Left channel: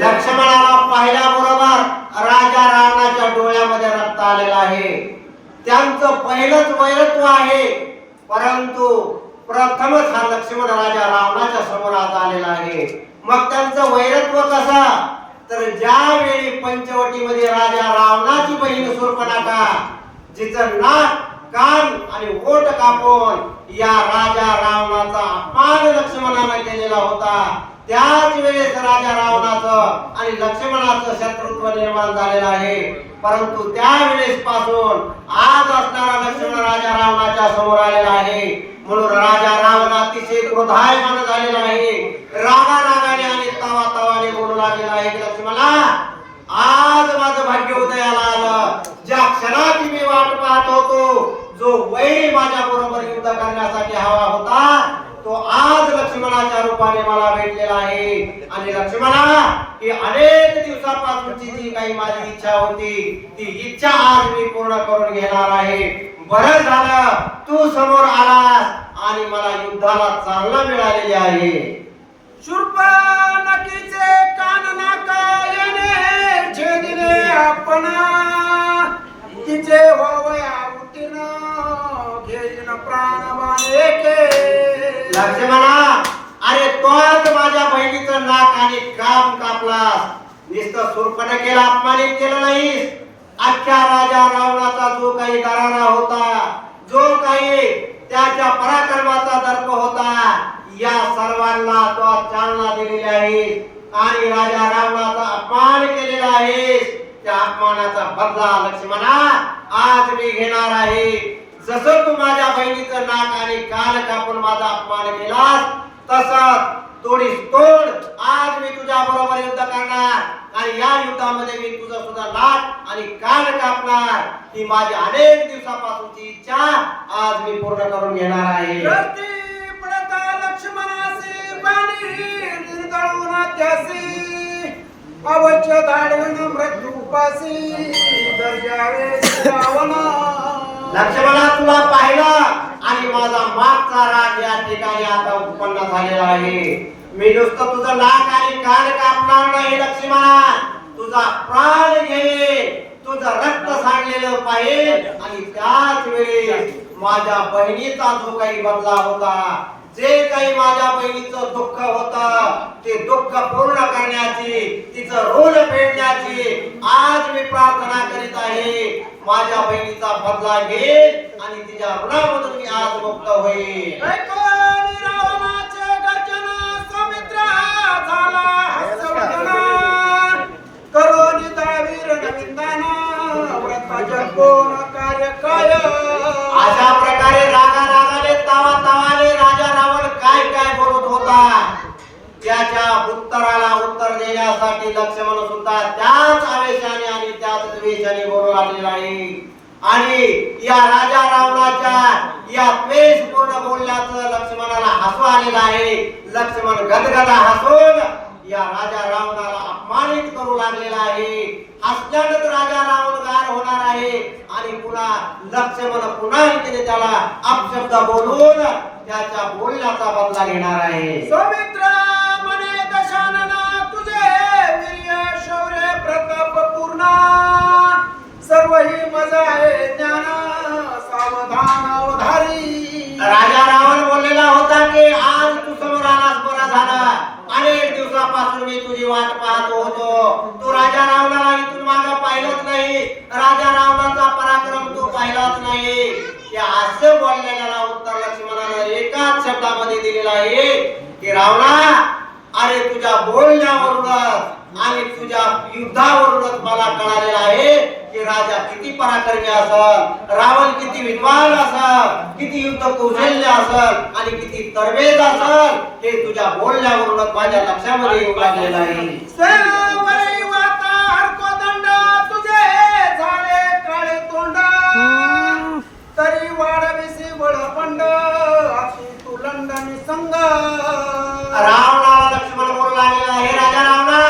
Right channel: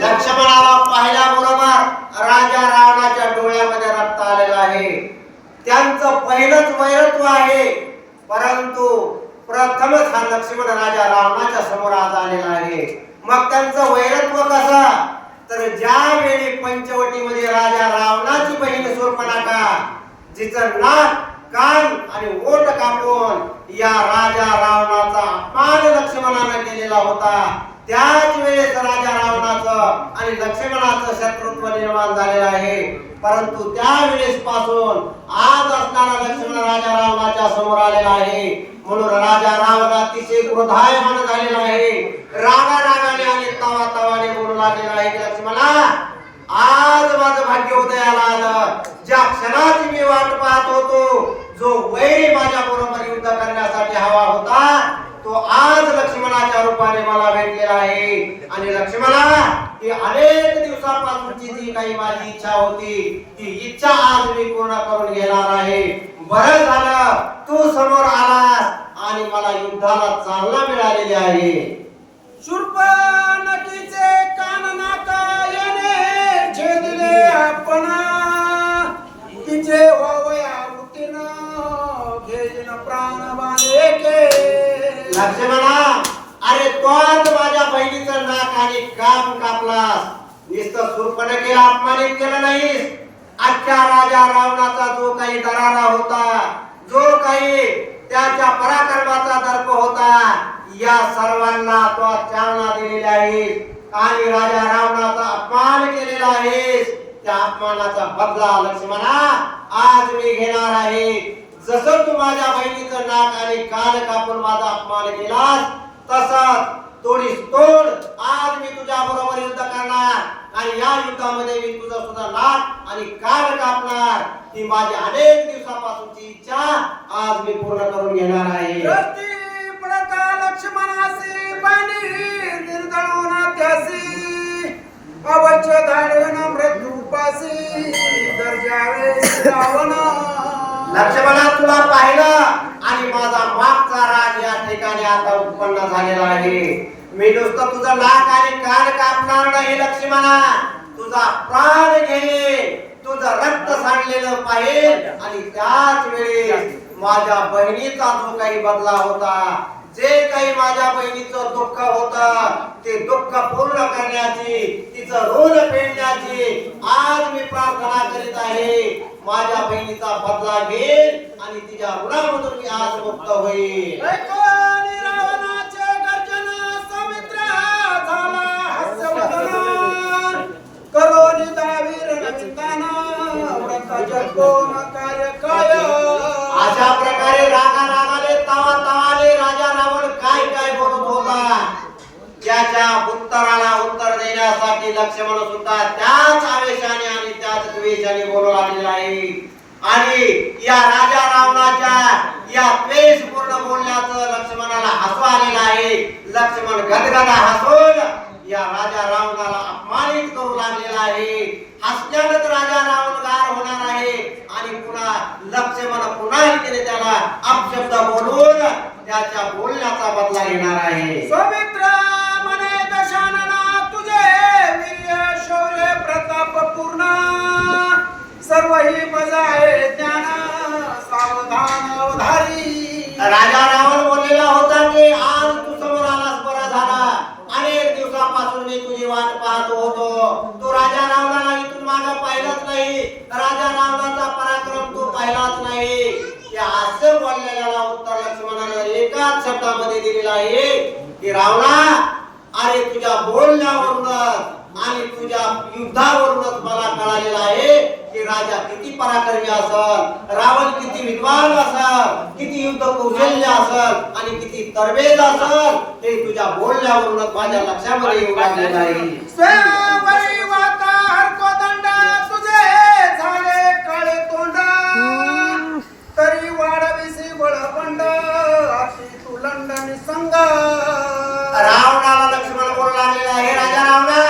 लक्ष्मणाला पाहिल्याबरोबर राजा रावणाच्या डोळ्यामध्ये रक्त आलेलं आहे. त्यांचं पहिलंच वैरत्व आहे, परंतु प्रथमच हा लक्ष्मण राजा रावणाच्या समोर आज आलेला आहे. मग त्यांचं वैरत्व कसं, तर ज्यावेळी पंचवटीमध्ये राजा रावणाची बहीण शूर्पणखा जिचं नाक कान आणि ओठ कापून या राजा रावणाचा अपमान लक्ष्मणाने केलेला होता, त्याच वेळेस राजा रावणाचं आणि लक्ष्मणाचं शत्रुत्व निर्माण झालेलं आहे. परंतु त्यावेळेस पासून आज असणारा लक्ष्मण राजा रावणाच्या समोर आलेला आहे. म्हणून राजा रावण अतिशय क्रोधायमान झालेला आहे. रागाने आणि तावाने बोलू लागलेला आहे की लक्ष्मणा, आज माझं भाग्य उदयाला आलं. ज्या क्षणाची मी वाट पाहत होतो, जो वैरी माझ्या बरोबर युद्ध करण्यासाठी हवा होता, तो आज लक्ष्मणाच्या रूपाने मला भेटलेला आहे. आणि लक्ष्मणा, ही अनेक दिवसापासूनची जी काही माझी इच्छा होती, ती इच्छा आज मी पूर्ण करून घेणार आहे. बरं झालं तू समोर आलास आणि मला युद्धाला चालना मिळालेली आहे. शूर्पणखीचे कान नाकायने छेदिले आपण, तिचे वया उत्तीर्ण घेईन प्राणवान एके. लक्ष्मणा, अरे तो आज माझ्या बहिणीचं नाक आणि कान कापलास. नुसतं शूर्पणखेला अपमानित केलं नाहीस, अख्ख्या राजा रावणाचा जो काही दरारा होता, जो काही त्याच्या पराक्रमाचा दर्प होता, या सर्वांना तो चालना दिलेली आहे. आणि राजा रावणाचा अपमान केलेला आहे. त्या अपमानाचा बदला लक्ष्मणा आज मी घेणार आहे. जसं तू माझ्या बहिणीचं नाक आणि कान कापून माझा अपमान केलास, तसंच तोडीस तोड आज मी तुझ्या बरोबर युद्ध करणार. आणि या युद्धामध्ये मी तुझं सुद्धा नाक आणि कान कापणार. ही माझी अनेक दिवसापासूनची इच्छा आज मी पूर्ण करून घेणार आहे. रस्ती पडता लक्ष्मणासी पाणी निर्दळून त्यासी, अवच्य धाडवण मृत्यू पासी दर्जावे रावण. लक्ष्मणा, तुला पाहिलं आणि माझा मागचा राग या ठिकाणी आता उत्पन्न झालेला आहे. मी नुसतं तुझं नाक आणि कान कापणार नाही लक्ष्मणा, तुझा प्राण घेईन, तुझं रक्त सांडलेलं पाहिजे. आणि त्याच वेळी माझ्या बहिणीचा जो काही बदला होता, जे काही माझ्या बहिणीचं दुःख होतं, ते दुःख पूर्ण करण्याची, तिचं ऋण फेडण्याची आज मी प्रार्थना करीत आहे. माझ्या बहिणीचा बदला घेईल आणि तिच्या ऋणामधून मी आज मुक्त होईल. ऐकोनी रावणाचे गर्जन सौमित्र झाला हस्यवदन, करोनी दावीर नविंदन व्रताच्या कोण कार्य काय. अशा प्रकारे रागाने तावाने राजा रावण काय बोलत होता, त्याच्या उत्तराला उत्तर देण्यासाठी लक्ष्मण सुद्धा त्याच आवेशाने आणि त्याच द्वेषाने बोलू लागलेला आहे. आणि या राजा रावणाच्या या द्वेषपूर्ण बोलण्याचं लक्ष्मणाला हसू आलेलं आहे. लक्ष्मण गदगदा हसून या राजा रावणाला अपमानित करू लागलेला आहे. हसल्यानंतर राजा रावण गार होणार आहे आणि पुन्हा लक्ष्मण पुन्हा त्याला अपशब्द बोलून त्याच्या बोलण्याचा बदला घेणार आहे. सौमित्र म्हणे दशानना तुझे वीर्य शौर्य प्रताप पूर्ण, सर्वही बजाये ज्ञान सावधान अवधारी. राजा रावण बोललेला होता की आज तू समोर आलास, बरा झाला. अनेक दिवसापासून मी तुझी वाट पाहत होतो. तू राजा रावणाला इथून मागं पाहिलंच नाही, राजा रावणाचा पराक्रम तू पाहिलाच नाही. या असं बोललेल्याला उत्तर लक्ष्मणाने एकाच शब्दामध्ये दिलेला आहे की रावणा, अरे तुझ्या बोलण्यावरूनच आणि तुझ्या युद्धावरूनच मला कळालेलं आहे की राजा किती पराक्रमी असल, रावण किती विद्वान असल, किती युद्ध कौशल्य असल आणि किती तरबेज असल, हे तुझ्या बोलण्यावरूनच माझ्या लक्षामध्ये येऊ लागलेलं आहे. सेवरी वाता हरकोदंड तुझे झाले काळे तोंड, तरी वाढविसी बळबंड अशी तू लंडनी संग. रावणाला लक्ष्मण बोलू लागलेला, हे राजा रावणा,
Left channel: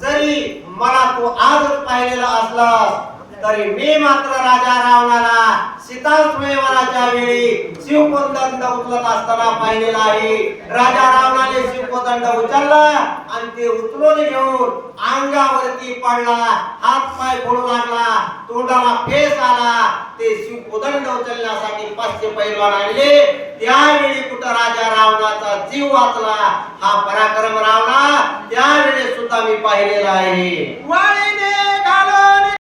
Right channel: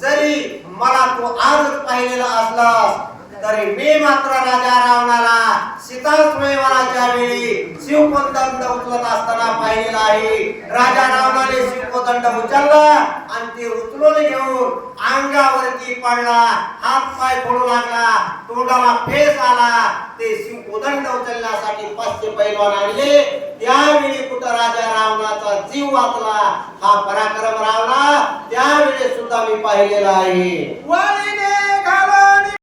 जरी मला तू आजच पाहिलेला असलास तरी मी मात्र राजा रावणाला सीता स्वयंवराच्या वेळी शिवकोदंड उचलत असताना पाहिलेला आहे. राजा रावणाने शिवकोदंड उचलला आणि ते उचलून घेऊन अंगावरती पडला, हात पाय फोडू लागला, तोंडाला फेस आला. ते शिवकोदंड उचलण्यासाठी 500 पैलवान आणले. त्यावेळी कुठं राजा रावणाचा जीव वाचला. हा पराक्रम रावणा त्यावेळी सुद्धा मी पाहिलेला आहे. वा